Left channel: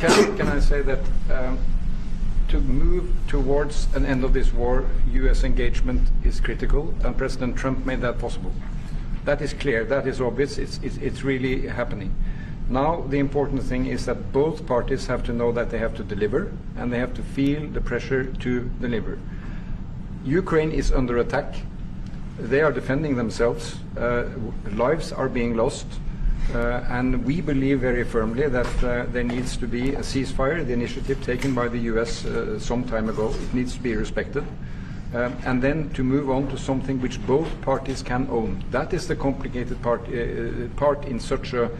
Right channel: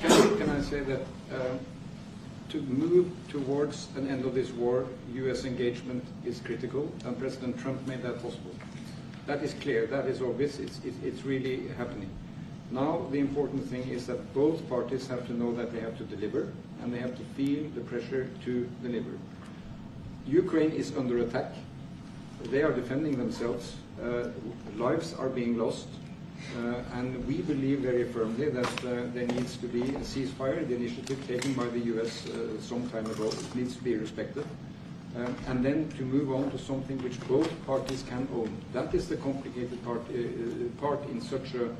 Can I say that to move towards an end of this war, U.S. engagement is critical, and President Trump made that possible. That is clear, that is obvious, it's really happening. Now the important thing is that both parties have to know that they have to deliver, and they have to feel the pressure to deliver. Ukraine is under attack. They are defending themselves. Lives are being lost. And we believe very firmly that there needs to be a ceasefire, the initiative taken by the US some time ago. It needs to be respected. And then to move on to something which both parties can own. That is the complicated part in such a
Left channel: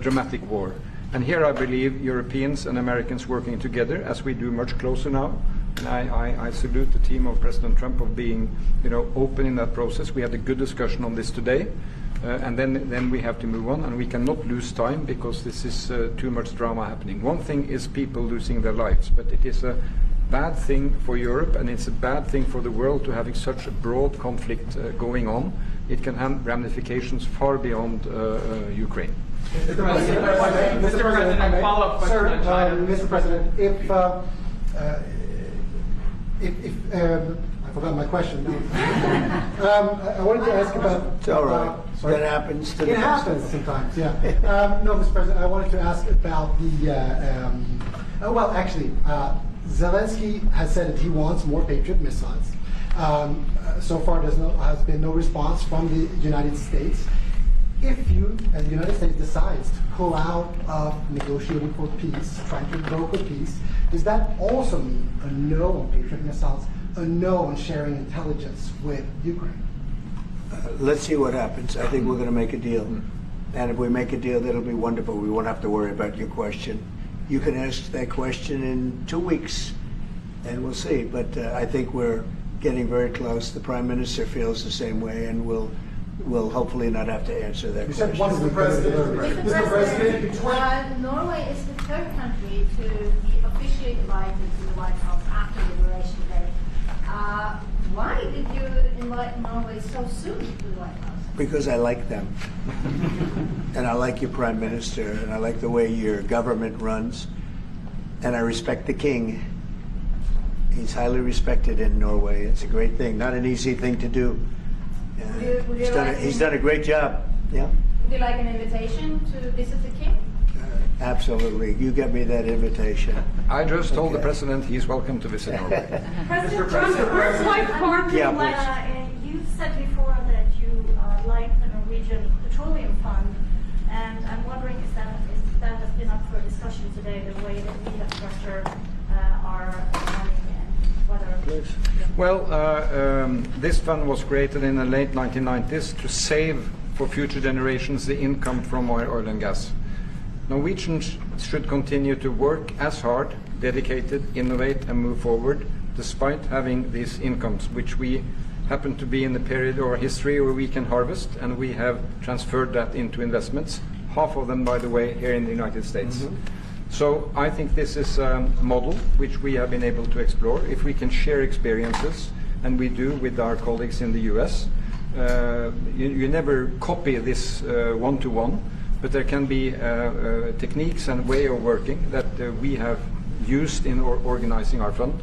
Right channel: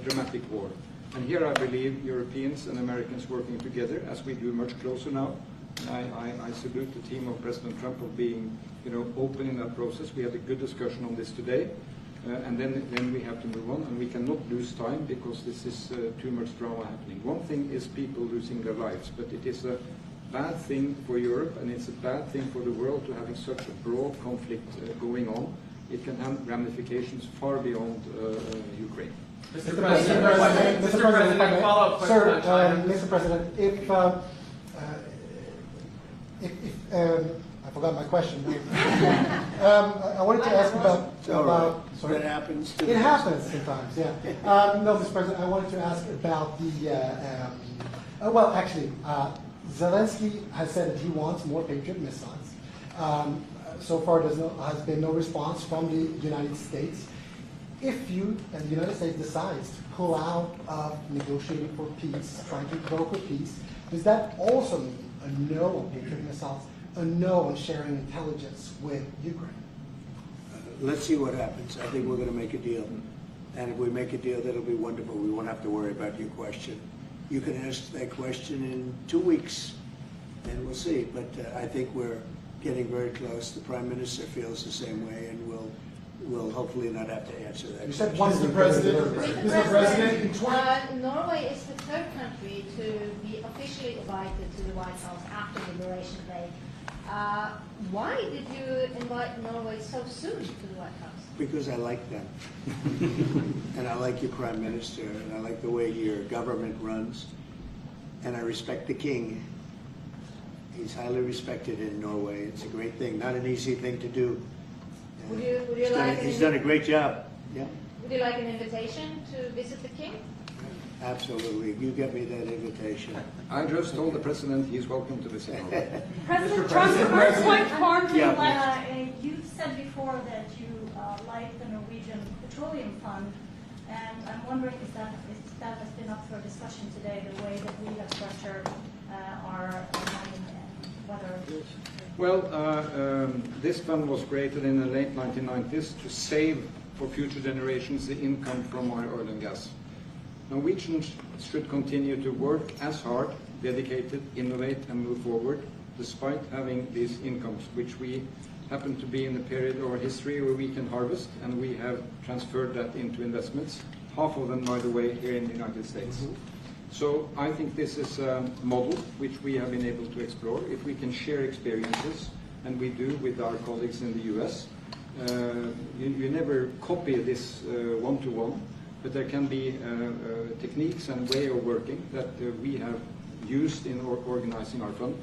dramatic war. And here I believe Europeans and Americans working together, as we do much closer now. I salute the team of President Trump of being, open in that process. We had a good discussion on this today. And then we have to move on, and we cannot lose time because this is too much drama happening. One thing is people losing their lives, but it is a bad thing for Europe, and it's a bad thing for the world to having such a broad conflict going on. It can have ramifications far beyond Ukraine. Mr. President, follow-up question. Mr. President, I forgot my question. I wanted to ask about. It's all right. That happens. It happens sometimes, yeah. No, Mr. President, I wanted to ask about the. Well, actually, Zelensky has said that he wants more Patriot missiles. So far, has been no response from the United States. If the United States decides to pull out of negotiating for peace, trying to broker peace, does that also mean a no on Patriot missiles, a no on sharing intelligence with Ukraine? Let's see what happens. I think we're going to make a deal. And if we make a deal, that'll be wonderful. We won't have to worry about your question. You can ask that question in 2 weeks, and we'll see. But I think we're getting very close. The Prime Minister feels the same way, and we'll hopefully not have to answer that question. Mr. President, Norway is the third country to be officially invited to the White House after Liberation Day. Why did you invite Norway so soon to the White House? Because I like them. And I like your Prime Minister, and I like the way your government runs, and I respect the King. He's highly respected in Norway. It's a great thing, not an easy thing to do. He's done a great job. Yeah. Would you like an invitation to visit the King? Absolutely. You get me that invitation. I just told the President he's welcome to visit Norway. President Trump, first like farming, you said before that you like the Norwegian Petroleum Fund, and I'm wondering if that has been up for discussion today, the way that we have structured our money and whether. Well, this fund was created in the late 1990s to save for future generations the income from oil and gas. Norwegians should continue to work as hard, dedicated, innovate and move forward, despite having these incomes, which we happen to be in the period of our history where we can harvest, and we have transferred that into investments, half of them, by the way, here in the United States. Mm-hmm. So I think this is a model which we have been able to explore. If we can share experiences, and we do with our colleagues in the US, you never copy this one-to-one, but there can be techniques and way of working that we have used in organizing our fund.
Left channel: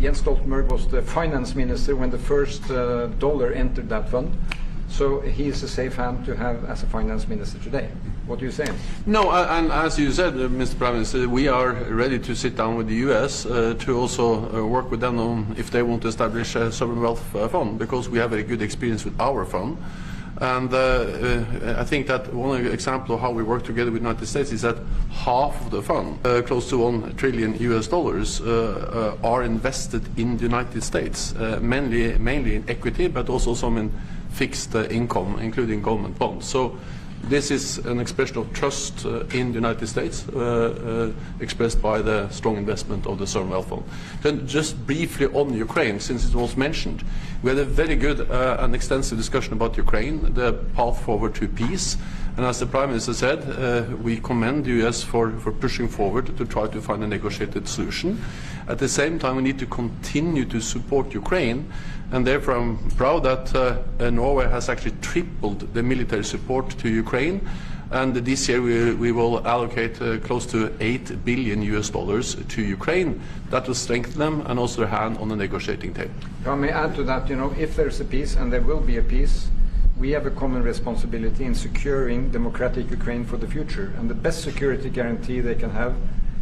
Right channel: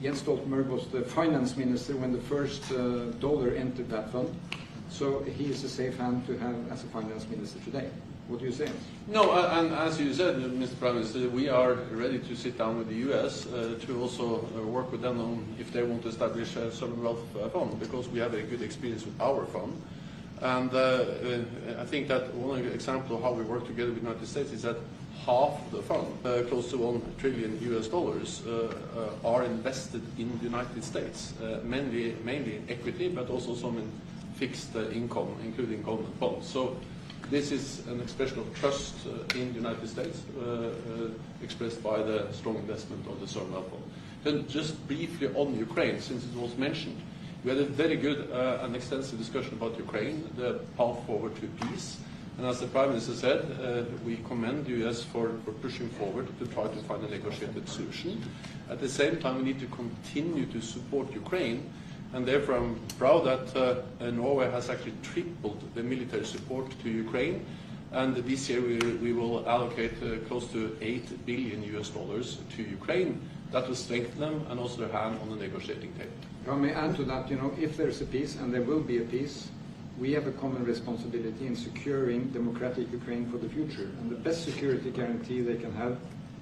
Jens Stoltenberg was the finance minister when the first dollar entered that fund, so he is a safe hand to have as a finance minister today. What do you say? No, and as you said, Mr. Prime Minister, we are ready to sit down with the US to also work with them on if they want to establish a sovereign wealth fund, because we have a good experience with our fund. And I think that one example of how we work together with the United States is that half of the fund, close to $1 trillion US, are invested in the United States, mainly in equity, but also some in fixed income, including government bonds. So this is an expression of trust in the United States, expressed by the strong investment of the sovereign wealth fund. Then just briefly on Ukraine, since it was mentioned, we had a very good and extensive discussion about Ukraine, the path forward to peace. And as the Prime Minister said, we commend the US for pushing forward to try to find a negotiated solution. At the same time, we need to continue to support Ukraine, and therefore I'm proud that Norway has actually tripled the military support to Ukraine. And this year we will allocate close to $8 billion to Ukraine. That will strengthen them and also their hand on the negotiating table. If I may add to that, if there's a peace, and there will be a peace, we have a common responsibility in securing democratic Ukraine for the future. And the best security guarantee they can have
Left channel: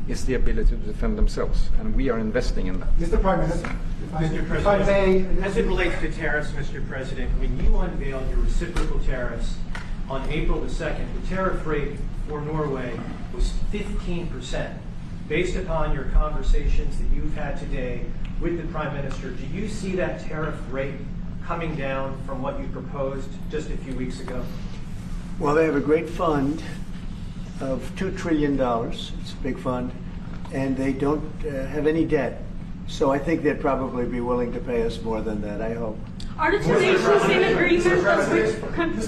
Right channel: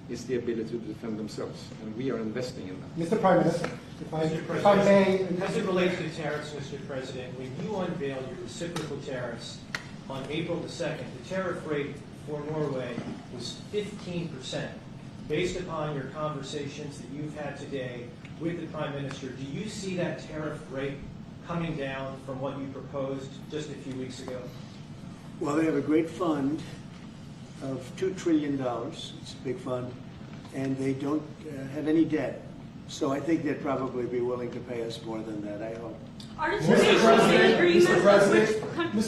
is the ability to defend themselves. And we are investing in that. Mr. Prime Minister, if I may. As it relates to tariffs, Mr. President, when you unveiled your reciprocal tariffs on April the 2nd, the tariff rate for Norway was 15%. Based upon your conversations that you've had today with the Prime Minister, do you see that tariff rate coming down from what you proposed just a few weeks ago? Well, they have a great fund of $2 trillion. It's a big fund, and they don't have any debt. So I think they'd probably be willing to pay us more than that, I hope. Are the two nations in agreement? Mr.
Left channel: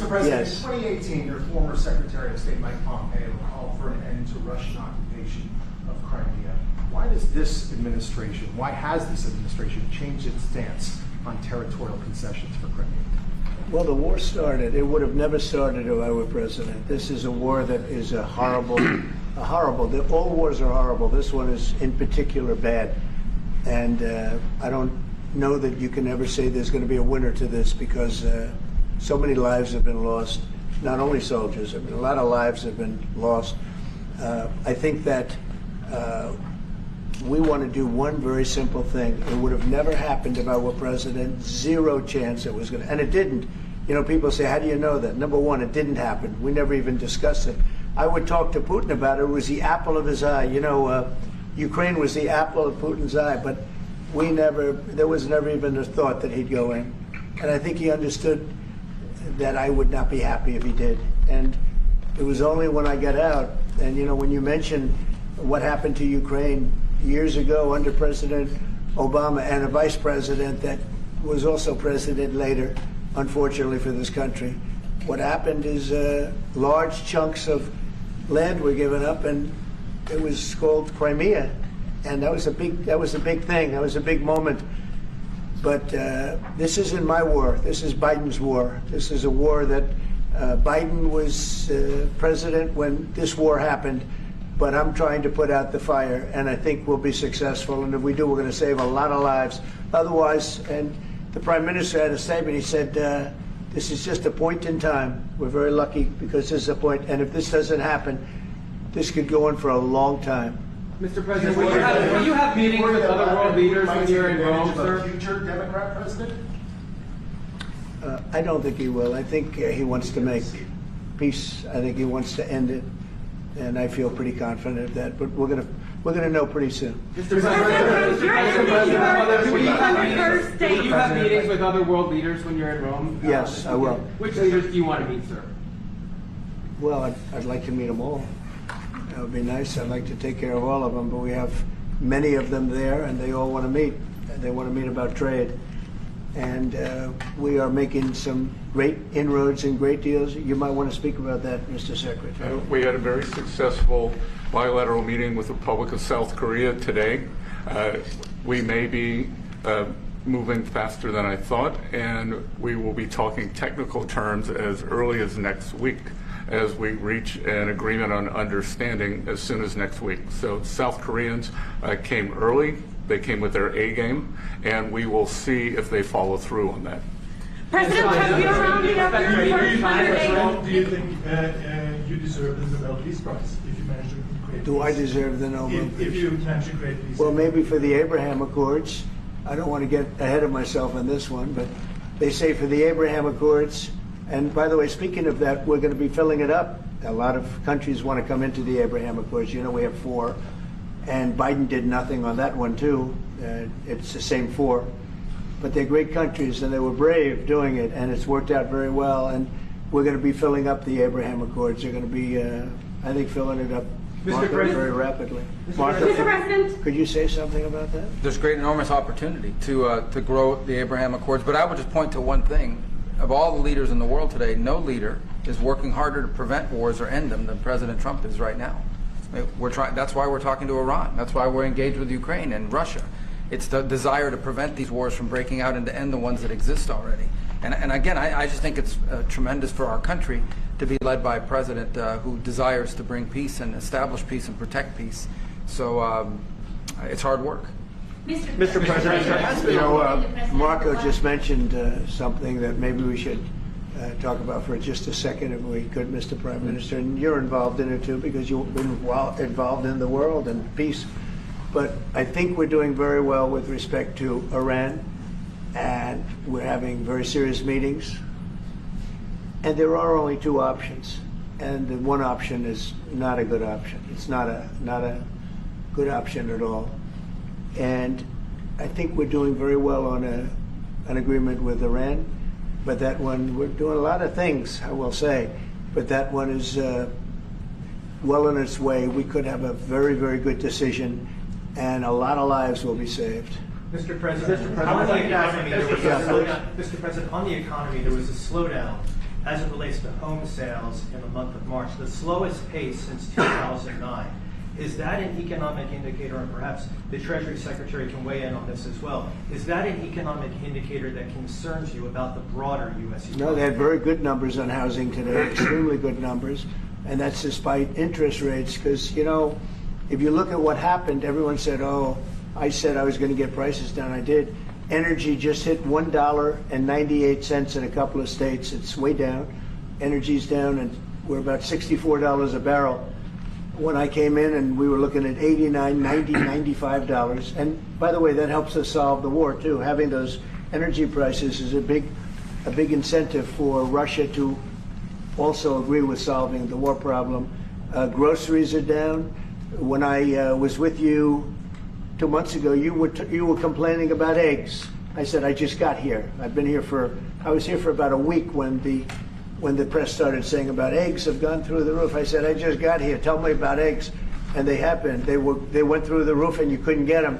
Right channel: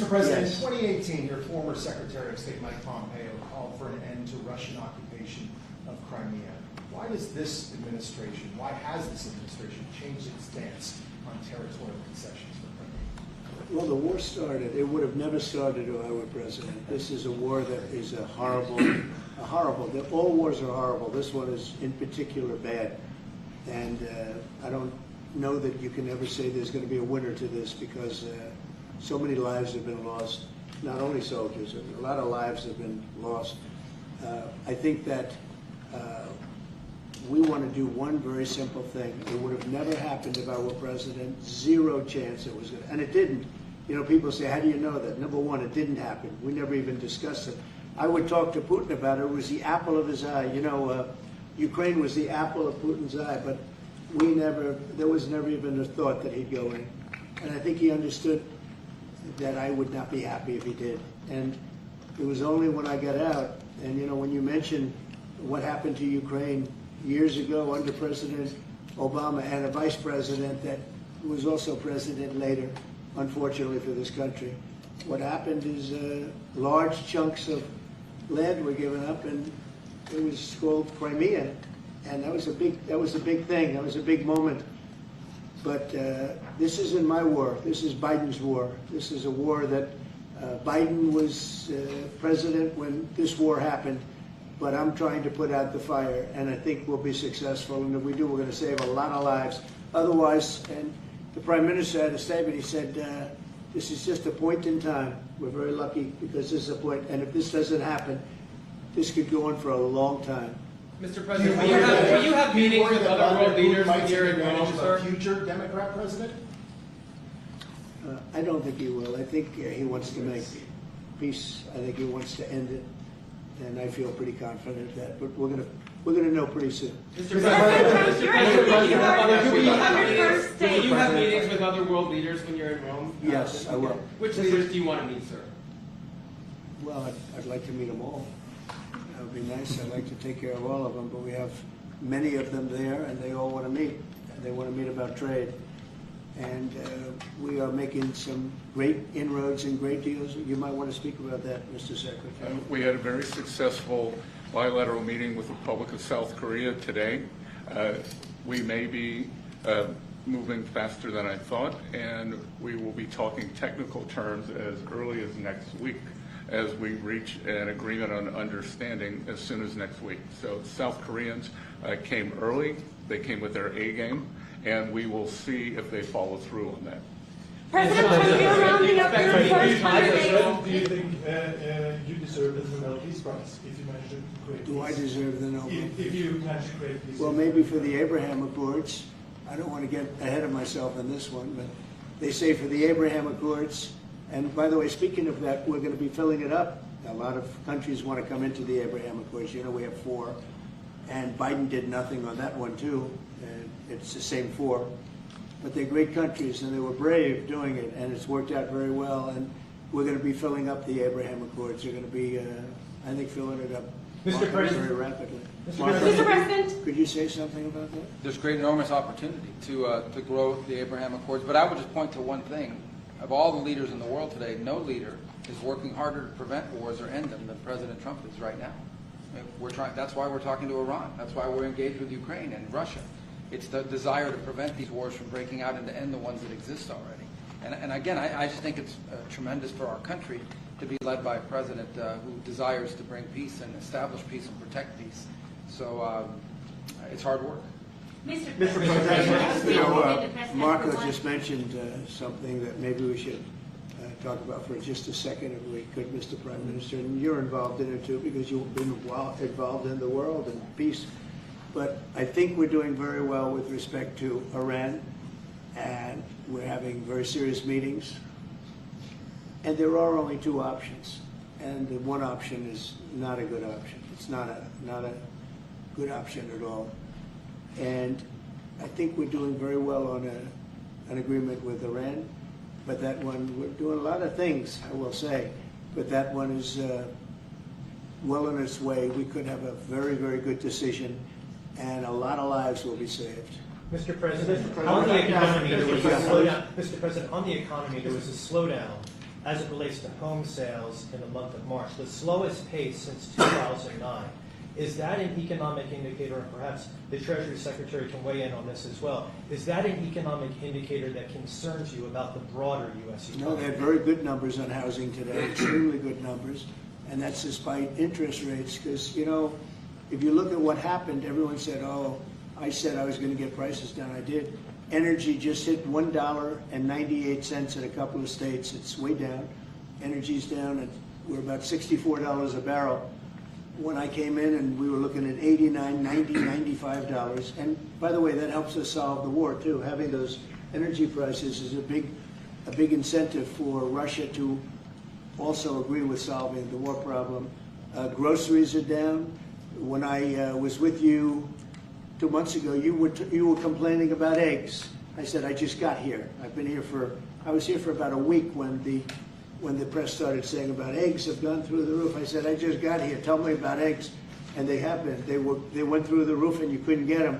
President, Yes. in 2018, your former Secretary of State Mike Pompeo called for an end to Russian occupation of Crimea. Why has this administration changed its stance on territorial concessions for Crimea? Well, the war started. It would have never started if I were president. This is a war that is horrible. All wars are horrible. This one is in particular bad. And I don't know that you can ever say there's going to be a winner to this, because so many lives have been lost. Not only soldiers, a lot of lives have been lost. I think that we want to do one very simple thing. It would have never happened if I were president. Zero chance it was going to, and it didn't. People say, how do you know that? Number one, it didn't happen. We never even discussed it. I would talk to Putin about it. It was the apple of his eye. Ukraine was the apple of Putin's eye, but there was never even a thought that he'd go in. And I think he understood that I would not be happy if he did. And it was only when I got out, and when you mention what happened to Ukraine years ago under President Obama and a vice president that was also president later, unfortunately for this country, what happened is large chunks of land were given up, and it was called Crimea, and that was a big thing. That was a big moment. But this isn't my war. This is Biden's war. This is a war that Biden was president when this war happened. But I'm trying to put out the fire, and I think we'll be successful. And if we do, we're going to save a lot of lives. Otherwise, and the Prime Minister had a statement. He said, "This is just a point in time. We're very lucky because this is a point. And if this doesn't happen, this could go on for a long time." Mr. President, will you have meetings with other world leaders when you're in Rome, sir? A future Democrat president? I don't think he will. I think he wants to make peace. I think he wants to end it, and I feel pretty confident of that. But we're gonna know pretty soon. Mr. President, will you have meetings with other world leaders when you're in Rome? Yes, I will. Which leaders do you want to meet, sir? Well, I'd like to meet them all. That would be nice. I'd like to take care of all of them, but we have many of them there, and they all want to meet. They want to meet about trade. And we are making some great inroads and great deals. You might want to speak about that, Mr. Secretary. We had a very successful bilateral meeting with the Republic of South Korea today. We may be moving faster than I thought, and we will be talking technical terms as early as next week, as we reach an agreement on understanding as soon as next week. So South Koreans came early. They came with their A game, and we will see if they follow through on that. President Trump, you're rounding up your first 100 days. Do you think you deserve the Nobel Peace Prize if you manage to create Do I deserve the Nobel Peace? If you manage to create peace? Well, maybe for the Abraham Accords. I don't want to get ahead of myself on this one, but they say for the Abraham Accords. And by the way, speaking of that, we're going to be filling it up. A lot of countries want to come into the Abraham Accords. We have 4. And Biden did nothing on that one, too. It's the same 4. But they're great countries, and they were brave doing it, and it's worked out very well. And we're going to be filling up the Abraham Accords. They're going to be, I think, filling it up very rapidly. Mr. President. Could you say something about that? There's great, enormous opportunity to grow the Abraham Accords. But I would just point to one thing. Of all the leaders in the world today, no leader is working harder to prevent wars or end them than President Trump is right now. That's why we're talking to Iran. That's why we're engaged with Ukraine and Russia. It's the desire to prevent these wars from breaking out and to end the ones that exist already. And again, I just think it's tremendous for our country to be led by a president who desires to bring peace and establish peace and protect peace. So it's hard work. Mr. President, You know, Marco just mentioned something that maybe we should talk about for just a second, if we could, Mr. Prime Minister. And you're involved in it too, because you've been involved in the world and peace. But I think we're doing very well with respect to Iran, and we're having very serious meetings. And there are only two options, and the one option is not a good option. It's not a good option at all. And I think we're doing very well on an agreement with Iran, but that one, we're doing a lot of things, I will say, but that one is well on its way. We could have a very, very good decision, and a lot of lives will be saved. Mr. President, on the economy, there was a slowdown. Mr. President, on the economy, there was a slowdown as it relates to home sales in the month of March, the slowest pace since 2009. Is that an economic indicator, and perhaps the Treasury Secretary can weigh in on this as well, is that an economic indicator that concerns you about the broader U.S. economy? No, they had very good numbers on housing today, extremely good numbers, and that's despite interest rates, because, you know, if you look at what happened, everyone said, oh, I said I was going to get prices down. I did. Energy just hit $1.98 in a couple of states. It's way down. Energy's down, and we're about $64 a barrel. When I came in, and we were looking at $89, $90, $95. And by the way, that helps us solve the war too. Having those energy prices is a big incentive for Russia to also agree with solving the war problem. Groceries are down. When I was with you 2 months ago, you were complaining about eggs. I said, I just got here. I was here for about a week when the press started saying about eggs have gone through the roof. I said, I just got here. Tell me about eggs. And they have been. They went through the roof and you couldn't get them.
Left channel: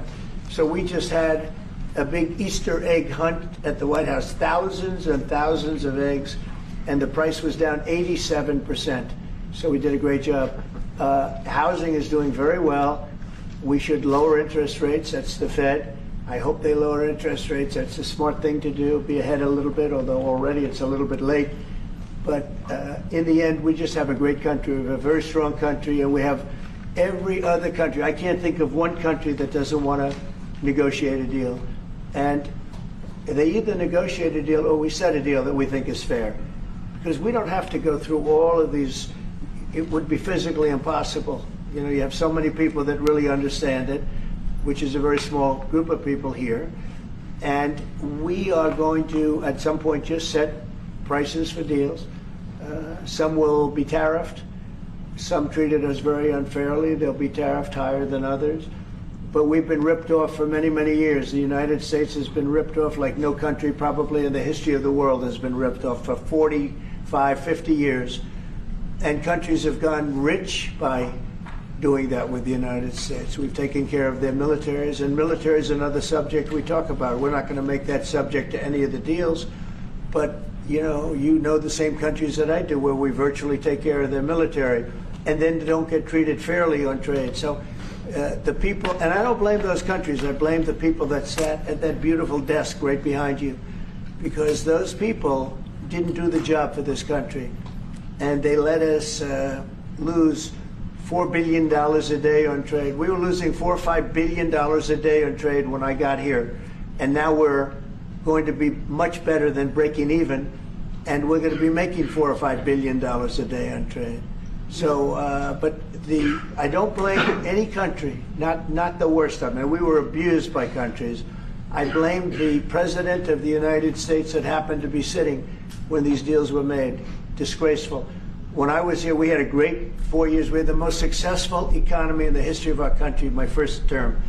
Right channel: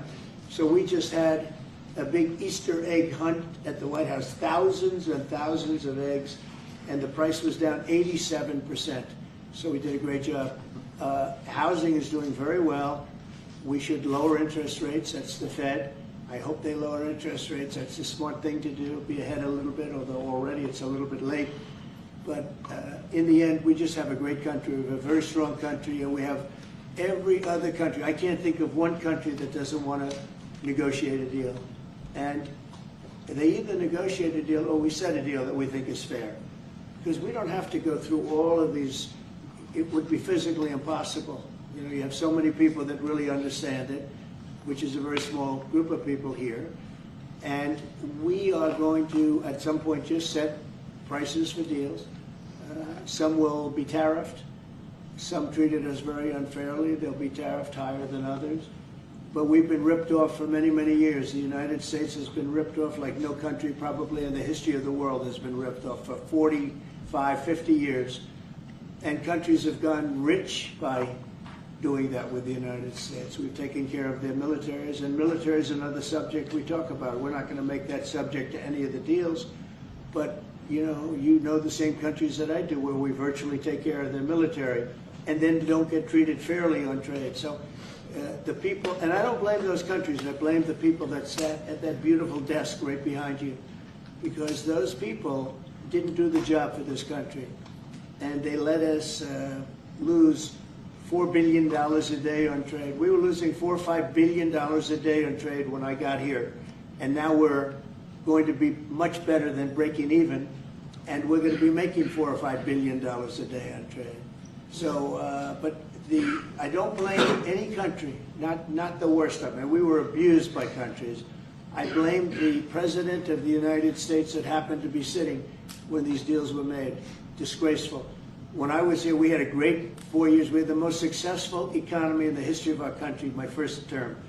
So we just had a big Easter egg hunt at the White House. Thousands and thousands of eggs. And the price was down 87%. So we did a great job. Housing is doing very well. We should lower interest rates. That's the Fed. I hope they lower interest rates. That's a smart thing to do. Be ahead a little bit, although already it's a little bit late. But in the end, we just have a great country. We have a very strong country, and we have every other country. I can't think of one country that doesn't want to negotiate a deal. And they either negotiate a deal or we set a deal that we think is fair. Because we don't have to go through all of these. It would be physically impossible. You know, you have so many people that really understand it, which is a very small group of people here. And we are going to, at some point, just set prices for deals. Some will be tariffed. Some treated us very unfairly. They'll be tariffed higher than others. But we've been ripped off for many, many years. The United States has been ripped off like no country probably in the history of the world has been ripped off for 45, 50 years. And countries have gone rich by doing that with the United States. We've taken care of their militaries, and military is another subject we talk about. We're not going to make that subject to any of the deals, but you know the same countries that I do where we virtually take care of their military and then don't get treated fairly on trade. So the people, and I don't blame those countries, I blame the people that sat at that beautiful desk right behind you, because those people didn't do the job for this country, and they let us lose $4 billion a day on trade. We were losing $4 or $5 billion a day on trade when I got here, and now we're going to be much better than breaking even, and we're going to be making $4 or $5 billion a day on trade. So, but I don't blame any country, not the worst of them. And we were abused by countries. I blame the President of the United States that happened to be sitting when these deals were made. Disgraceful. When I was here, we had a great 4 years. We had the most successful economy in the history of our country, my first term.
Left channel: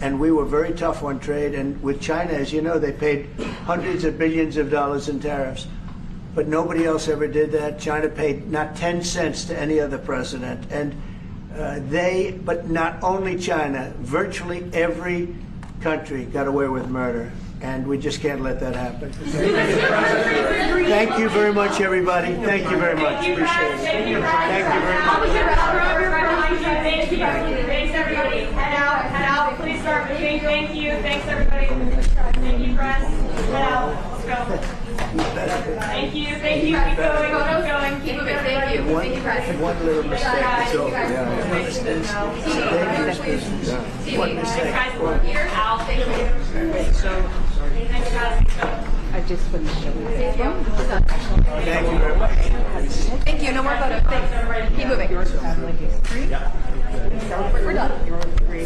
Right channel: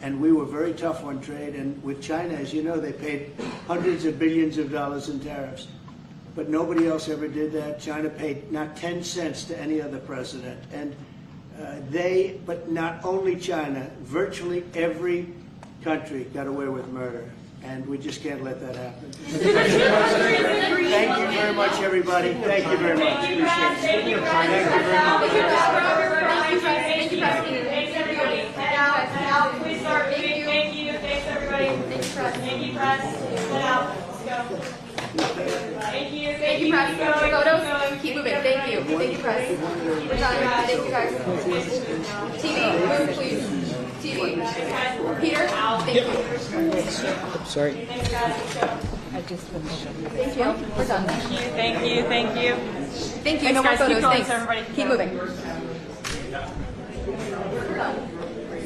And we were very tough on trade. And with China, as you know, they paid hundreds of billions of dollars in tariffs. But nobody else ever did that. China paid not 10 cents to any other president. And but not only China, virtually every country got away with murder. And we just can't let that happen. Thank you very much, everybody. Thank you very much. Appreciate it. Thank you very much. Thanks, everybody. Head out. Please start meeting. Thank you. Thanks, everybody. Thank you, press. Head out. Let's go. Thank you. Thank you, guys. Photos. Keep moving. Thank you. Thank you, guys. One little mistake, it's over. TV. Peter, Al, thank you. Sorry. I just finished. Thank you. We're done. Thank you. Thank you. Thank you. No more photos. Thanks. Keep moving. We're done.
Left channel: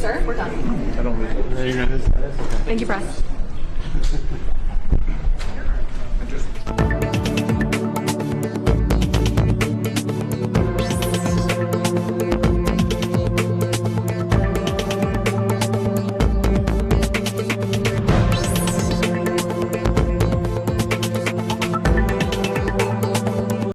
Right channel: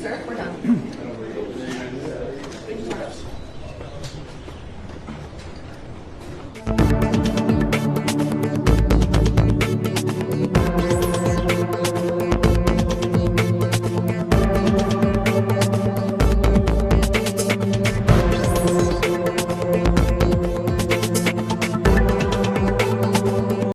Sir, we're done. Thank you, press.